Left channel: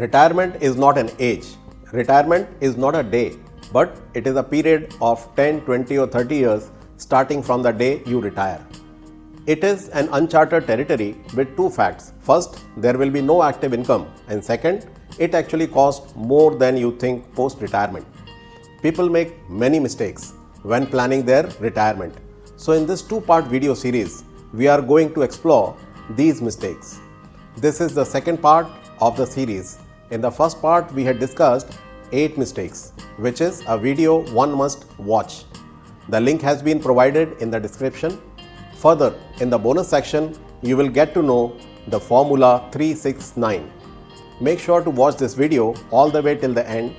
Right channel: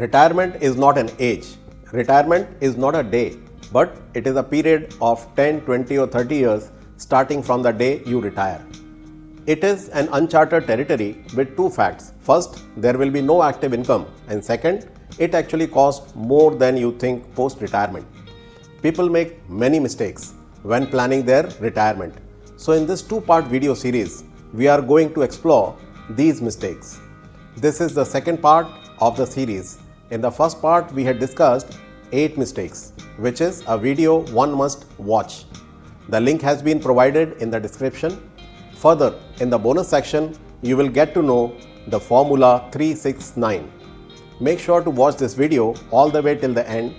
Retirement is not an age. Retirement is not a day, but it is a period of 10, 20 or 30 years starting from the day you retire. It is an uncharted territory with two facts. First, there will be no active income, and second, it actually costs more than you think post-retirement. People make many mistakes when planning their retirement. So in this two-part video series, we are going to explore these mistakes. This is the second part of the series. In the first part, we had discussed 8 mistakes, which is a video one must watch. The link has been provided in the description. Further, in the bonus section, you will get to know the formula 369. Make sure to watch this video all the way till the end.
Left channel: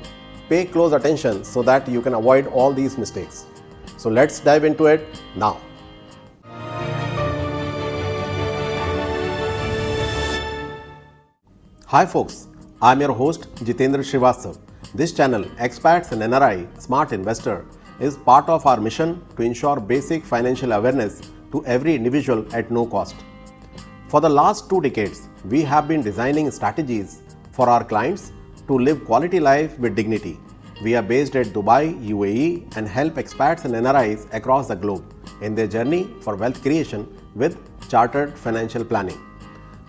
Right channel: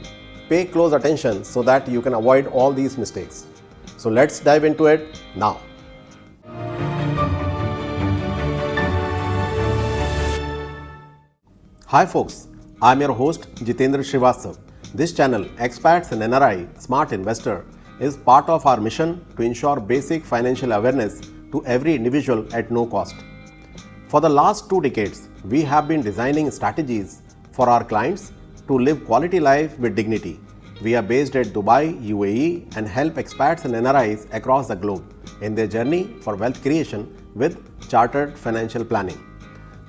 Pay close attention so that you can avoid all these mistakes. So let's dive into it now. Hi folks, I'm your host Jitendra Srivastava. This channel, Expats and NRI Smart Investor, is part of our mission to ensure basic financial awareness to every individual at no cost. For the last 2 decades, we have been designing strategies for our clients to live quality life with dignity. We are based at Dubai, UAE, and help expats and NRIs across the globe in their journey for wealth creation with chartered financial planning.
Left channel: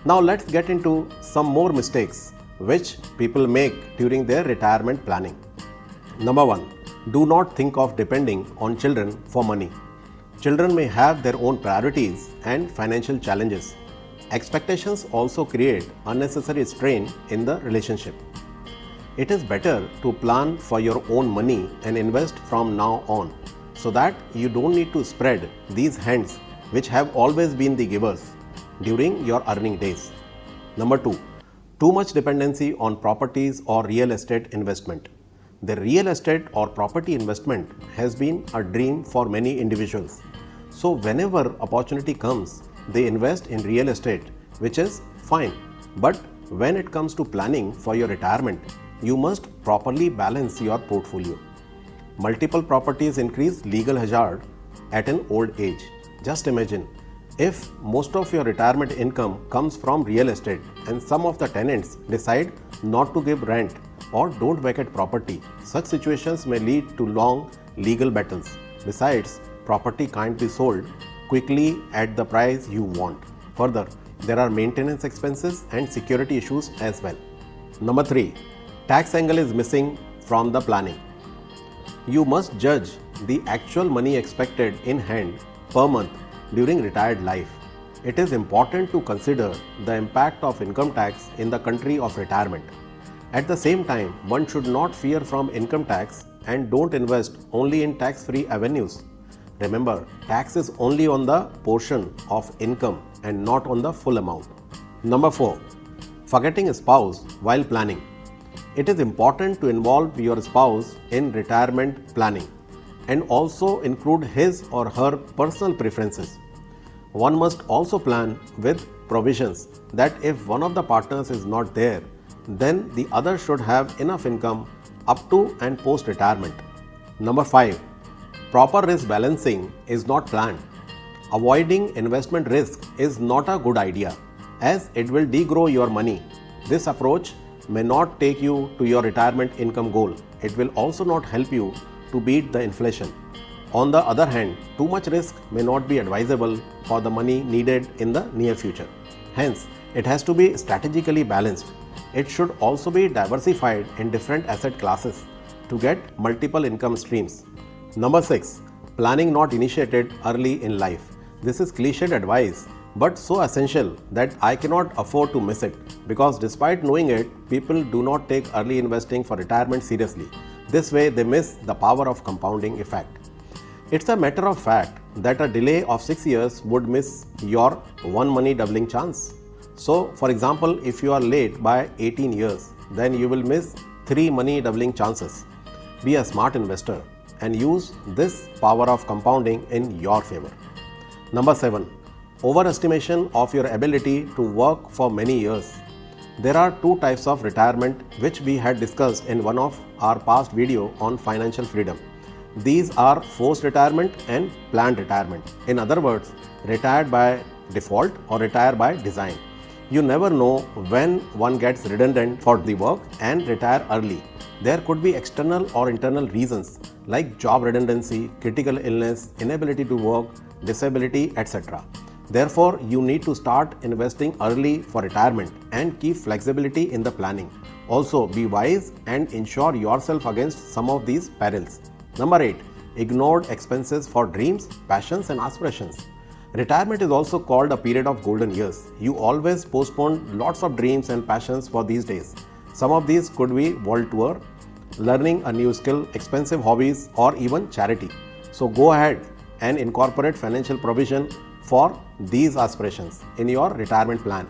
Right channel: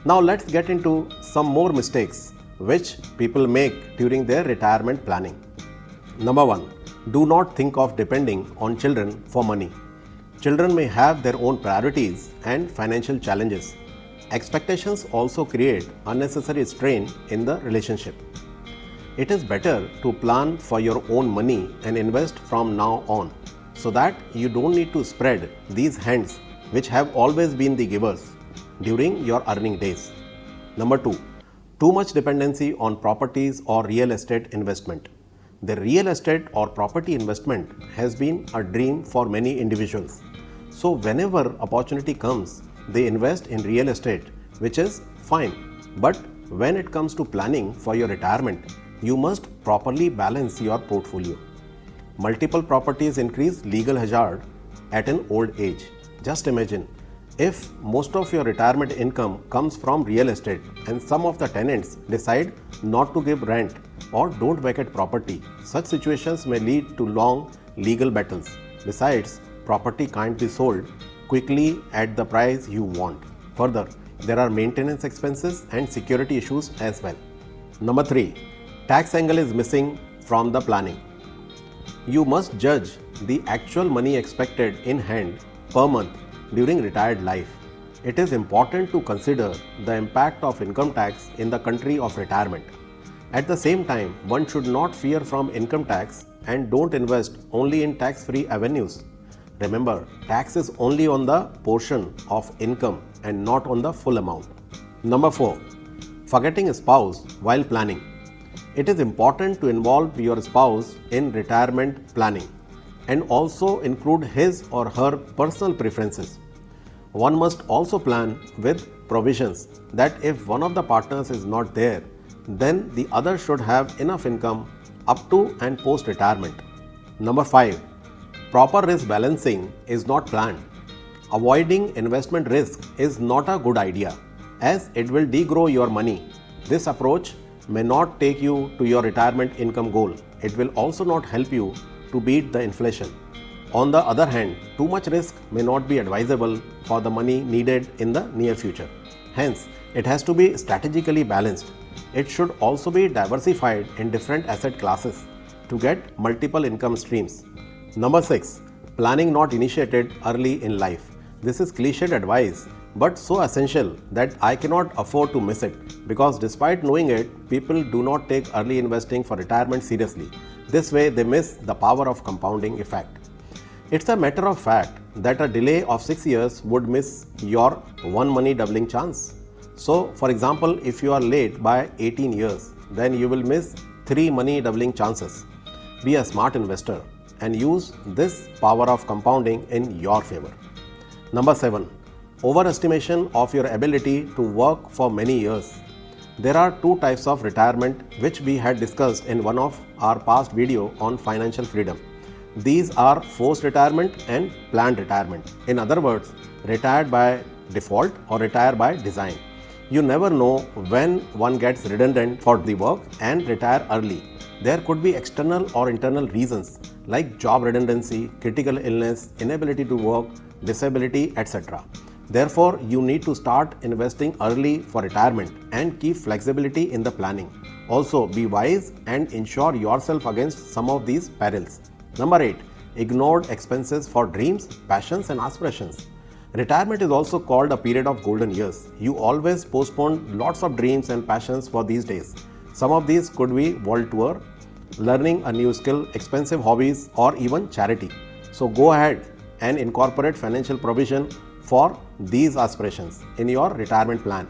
Now let's get into some more mistakes which people make during their retirement planning. Number 1. Do not think of depending on children for money. Children may have their own priorities and financial challenges. Expectations also create unnecessary strain in the relationship. It is better to plan for your own money and invest from now on so that you don't need to spread these hands which have always been the givers during your earning days. Number 2. Too much dependency on properties or real estate investment. The real estate or property investment has been a dream for many individuals. So whenever opportunity comes, they invest in real estate, which is fine. But when it comes to planning for your retirement, you must properly balance your portfolio. Multiple properties increase legal hazard at an old age. Just imagine, if most of your retirement income comes from real estate and some of the tenants decide not to give rent or don't vacate property, such situations may lead to long legal battles. Besides, property can't be sold quickly at the price you want. Further, there are maintenance expenses and security issues as well. Number 3. Tax angle is missing from the planning. You must judge the actual money expected in hand per month during retired life. It is important to consider the impact of income tax in the country of retirement. At the same time, one should not fear from income tax and don't invest only in tax-free avenues. Remember, tax is only on the portion of income and not on the full amount. Number 4. Forgetting a spouse while planning. It is important to involve your spouse in retirement planning and also include his or her personal preferences. One must also plan with provisions that if one of the partners is not there, then the other should have enough income up to and post retirement. Number 5. Proper risk balancing is not planned. Avoiding investment risk is not a good idea as it will degrow your money. This approach may not take you to your retirement income goal. It will also not help you to beat the inflation. On the other hand, too much risk may not be advisable for the money needed in the near future. Hence, it has to be strategically balanced. It should also be diversified in different asset classes to get multiple income streams. Number 6. Planning not initiated early in life. This is cliched advice, but so essential that I cannot afford to miss it because despite knowing it, people do not take early investing for retirement seriously. This way, they miss the power of compounding effect. It's a matter of fact that a delay of 6 years would miss your one money doubling chance. So, for example, if you are late by 18 years, then you will miss 3 money doubling chances. Be a smart investor and use this power of compounding in your favor. Number 7. Overestimation of your ability to work for many years. There are 2 types of retirement which we had discussed in one of our past video on financial freedom. These are forced retirement and planned retirement. In other words, retired by default or retire by design. You never know when one gets redundant for the work and retire early. There could be external or internal reasons like job redundancy, critical illness, inability to work, disability, etc. Therefore, you need to start investing early for retirement and keep flexibility in the planning. Also, be wise and insure yourself against some of these perils. Number 8. Ignored expenses for dreams, passions, and aspirations. Retirement is also called a period of golden years. You always postpone lots of dreams and passions for these days. Some of these could be world tour, learning a new skill, expensive hobbies, or even charity. So go ahead and incorporate financial provision for these aspirations in your retirement plan.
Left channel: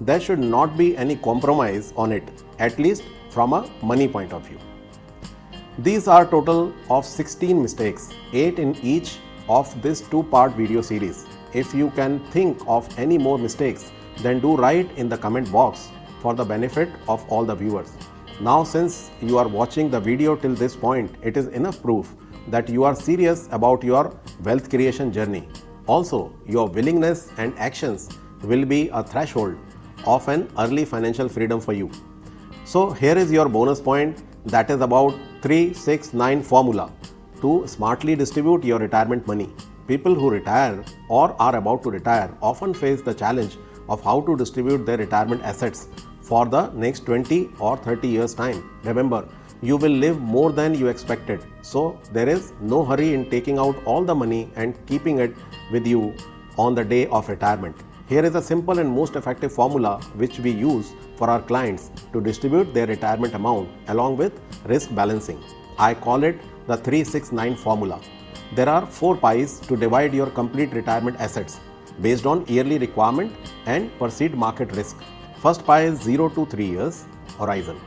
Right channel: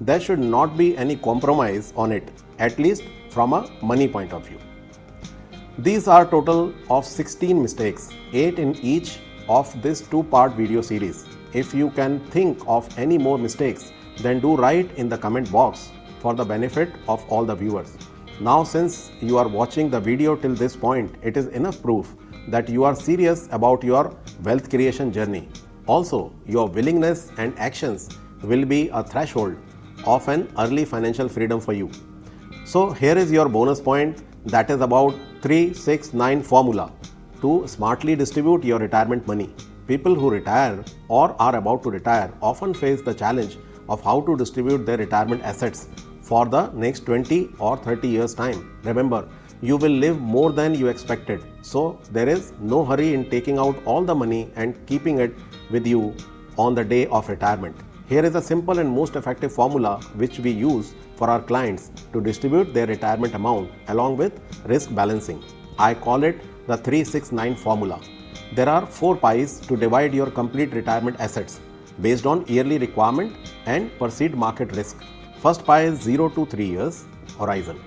There should not be any compromise on it, at least from a money point of view. These are total of 16 mistakes, 8 in each of this 2-part video series. If you can think of any more mistakes, then do write in the comment box for the benefit of all the viewers. Now, since you are watching the video till this point, it is enough proof that you are serious about your wealth creation journey. Also, your willingness and actions will be a threshold of an early financial freedom for you. So here is your bonus point, that is about 3-6-9 formula to smartly distribute your retirement money. People who retire or are about to retire often face the challenge of how to distribute their retirement assets for the next 20 or 30 years time. Remember, you will live more than you expected. So there is no hurry in taking out all the money and keeping it with you on the day of retirement. Here is a simple and most effective formula which we use for our clients to distribute their retirement amount along with risk balancing. I call it the 3-6-9 formula. There are 4 pies to divide your complete retirement assets based on yearly requirement and perceived market risk. First pie is 0 to 3 years horizon.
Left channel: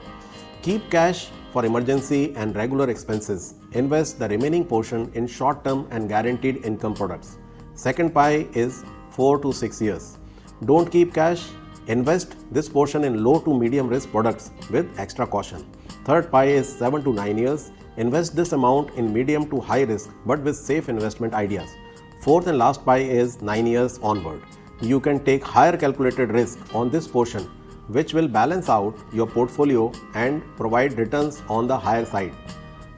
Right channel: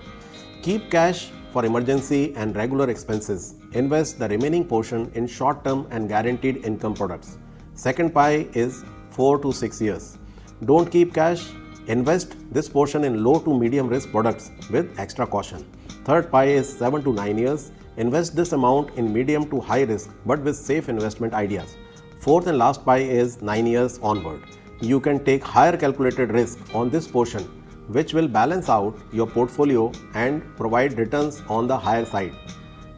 Keep cash for emergency and regular expenses. Invest the remaining portion in short-term and guaranteed income products. Second pie is 4 to 6 years. Don't keep cash. Invest this portion in low to medium risk products with extra caution. Third pie is 7 to 9 years. Invest this amount in medium to high risk but with safe investment ideas. Fourth and last pie is 9 years onward. You can take higher calculated risk on this portion, which will balance out your portfolio and provide returns on the higher side.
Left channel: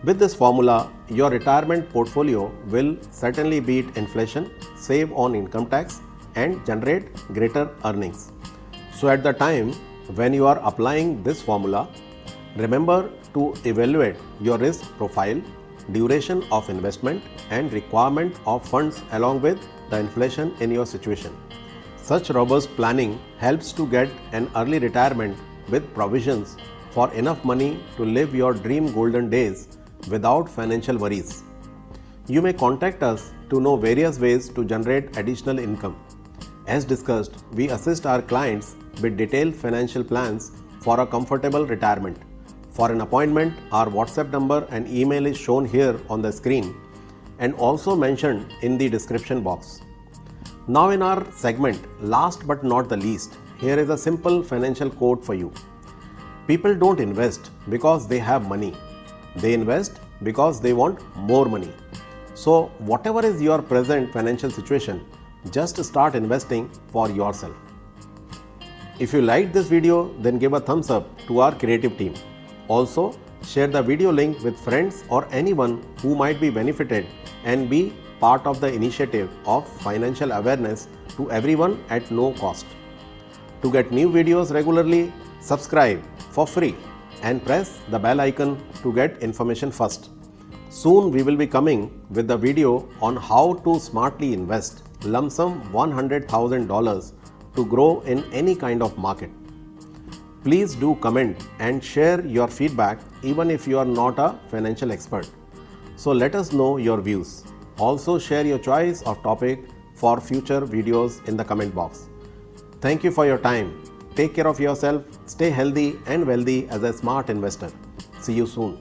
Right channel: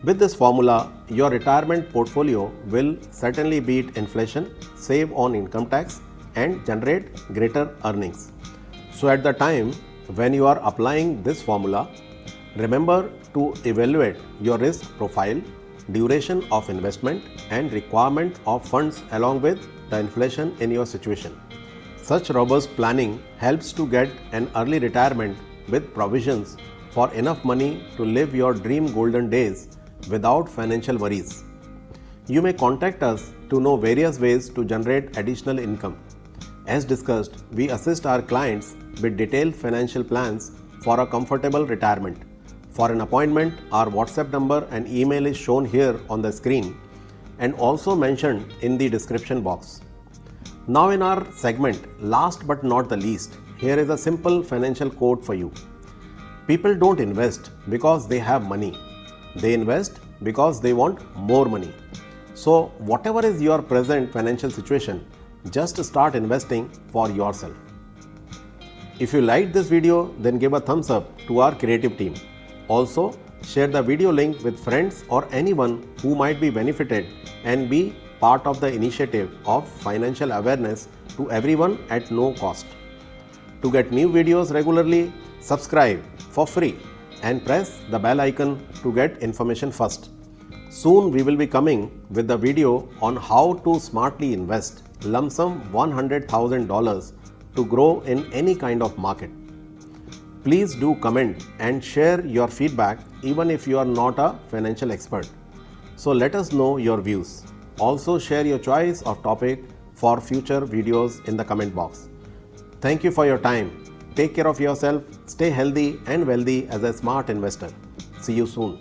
With this formula, your retirement portfolio will certainly beat inflation, save on income tax, and generate greater earnings. So at the time when you are applying this formula, remember to evaluate your risk profile, duration of investment, and requirement of funds along with the inflation in your situation. Such robust planning helps to get an early retirement with provisions for enough money to live your dream golden days without financial worries. You may contact us to know various ways to generate additional income. As discussed, we assist our clients with detailed financial plans for a comfortable retirement. For an appointment, our WhatsApp number and email is shown here on the screen and also mentioned in the description box. Now in our segment, last but not the least, here is a simple financial quote for you. People don't invest because they have money. They invest because they want more money. So whatever is your present financial situation, just start investing for yourself. If you liked this video, then give a thumbs up to our creative team. Also, share the video link with friends or anyone who might be benefited and be part of the initiative of financial awareness to everyone at no cost. To get new videos regularly, subscribe for free and press the bell icon to get information first. Soon we will be coming with the video on how to smartly invest lump sum $100,000 to grow in any kind of market. Please do comment and share your feedback even if you are not a financial expert. So let us know your views. Also share your choice of topic for future videos in the comment box. Thank you for your time. Take care of yourself, stay healthy and wealthy as a smart investor. See you soon.